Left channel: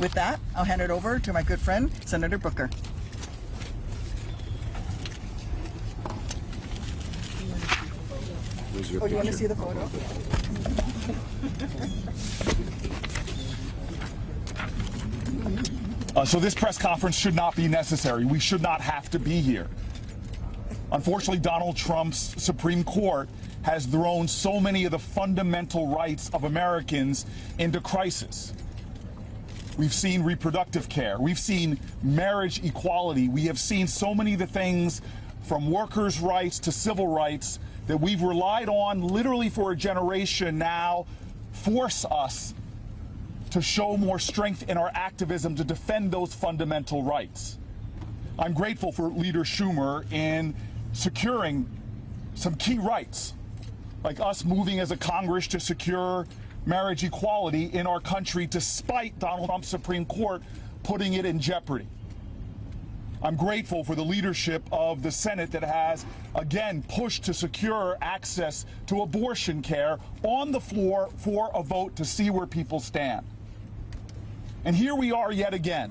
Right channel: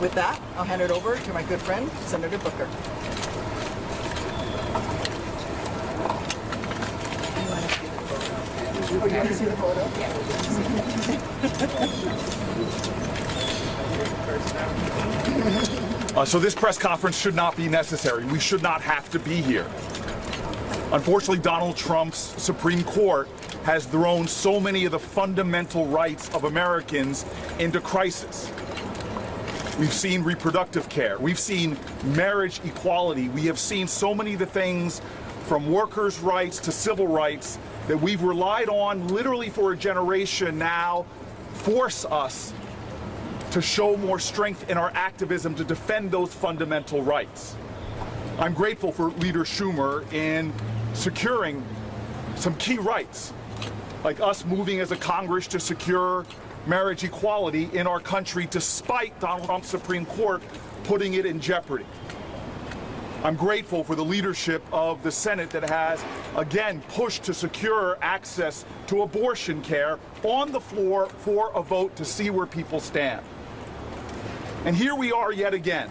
With that, I'll hand it over to my good friend, Senator Booker. Oh, do you want to see the photo? So this press conference should not be necessary. We should not have to be here. Unfortunately, Donald Trump's Supreme Court has thrown so many of the fundamental rights of Americans into crisis. We've seen reproductive care. We've seen marriage equality. We have seen so many of the things from workers' rights to civil rights that we've relied on literally for a generation now force us to show more strength in our activism to defend those fundamental rights. I'm grateful for Leader Schumer in securing some key rights, like us moving as a Congress to secure marriage equality in our country despite Donald Trump's Supreme Court putting it in jeopardy. I'm grateful for the leadership of the Senate that has, again, pushed to secure access to abortion care on the floor for a vote to see where people stand. And here we are yet again,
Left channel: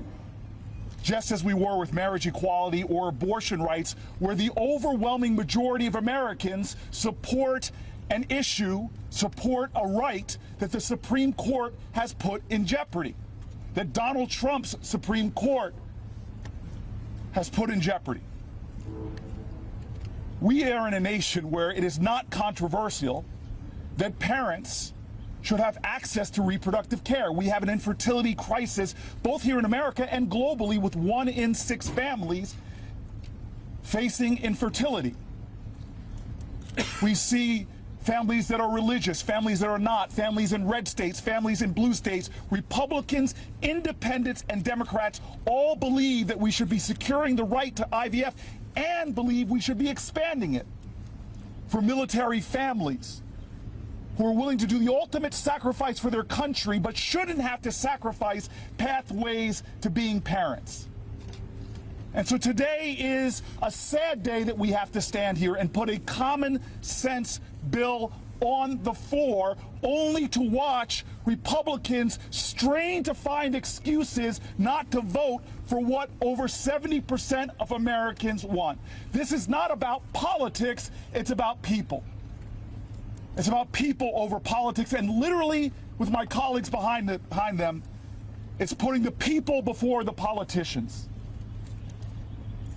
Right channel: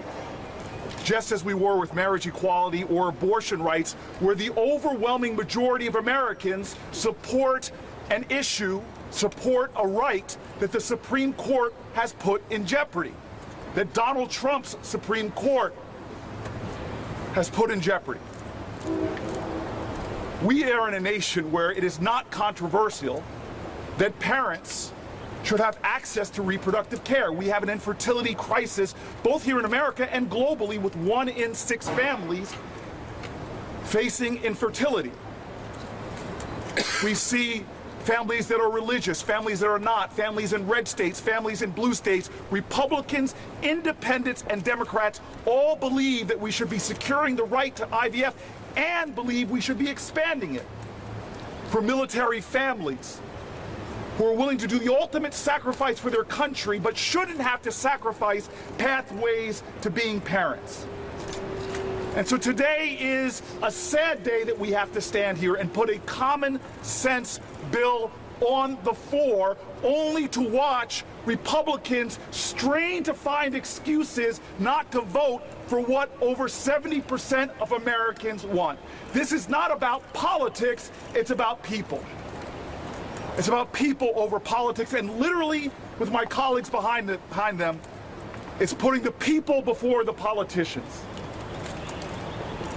just as we were with marriage equality or abortion rights, where the overwhelming majority of Americans support an issue, support a right that the Supreme Court has put in jeopardy, that Donald Trump's Supreme Court has put in jeopardy. We are in a nation where it is not controversial that parents should have access to reproductive care. We have an infertility crisis both here in America and globally, with 1 in 6 families facing infertility. We see families that are religious, families that are not, families in red states, families in blue states, Republicans, independents, and Democrats all believe that we should be securing the right to IVF and believe we should be expanding it for military families who are willing to do the ultimate sacrifice for their country but shouldn't have to sacrifice pathways to being parents. And so today is a sad day that we have to stand here and put a common sense bill on the floor only to watch Republicans strain to find excuses not to vote for what over 70% of Americans want. This is not about politics, it's about people. It's about people over politics, and literally, with my colleagues behind them, it's putting the people before the politicians.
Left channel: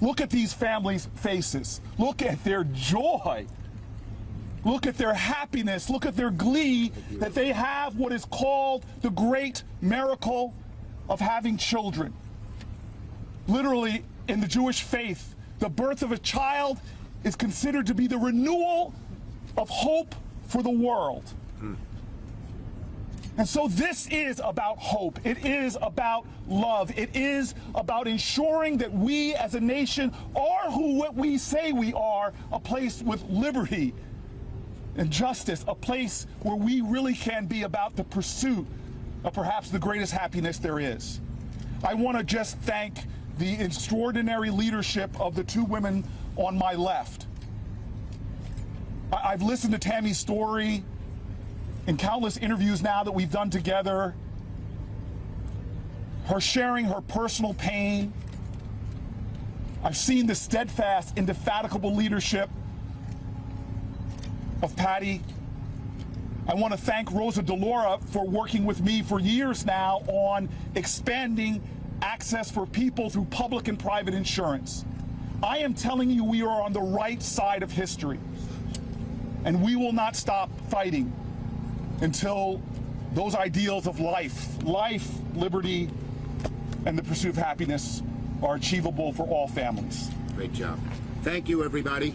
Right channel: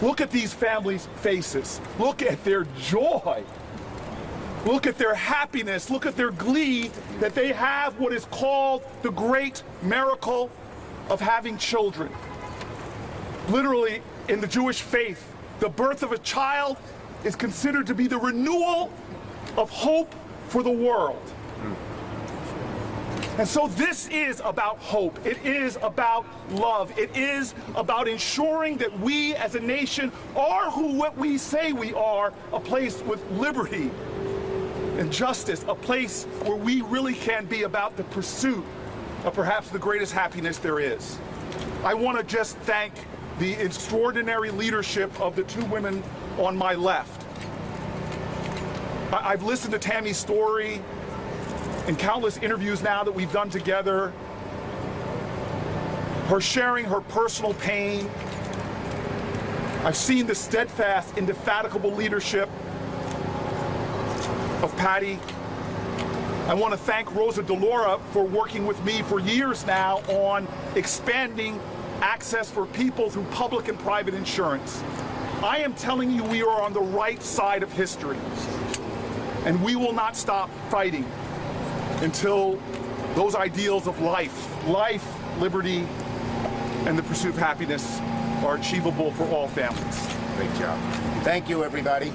Look at these families' faces. Look at their joy. Look at their happiness. Look at their glee that they have what is called the great miracle of having children. Literally, in the Jewish faith, the birth of a child is considered to be the renewal of hope for the world. And so this is about hope. It is about love. It is about ensuring that we as a nation are what we say we are, a place with liberty and justice, a place where we really can be about the pursuit of perhaps the greatest happiness there is. I want to just thank the extraordinary leadership of the 2 women on my left. I've listened to Tammy's story in countless interviews now that we've done together, her sharing her personal pain. I've seen the steadfast, indefatigable leadership of Patty. I want to thank Rosa DeLaura for working with me for years now on expanding access for people through public and private insurance. I am telling you, we are on the right side of history, and we will not stop fighting until those ideals of life, liberty, and the pursuit of happiness are achievable for all families. Great job. Thank you, everybody.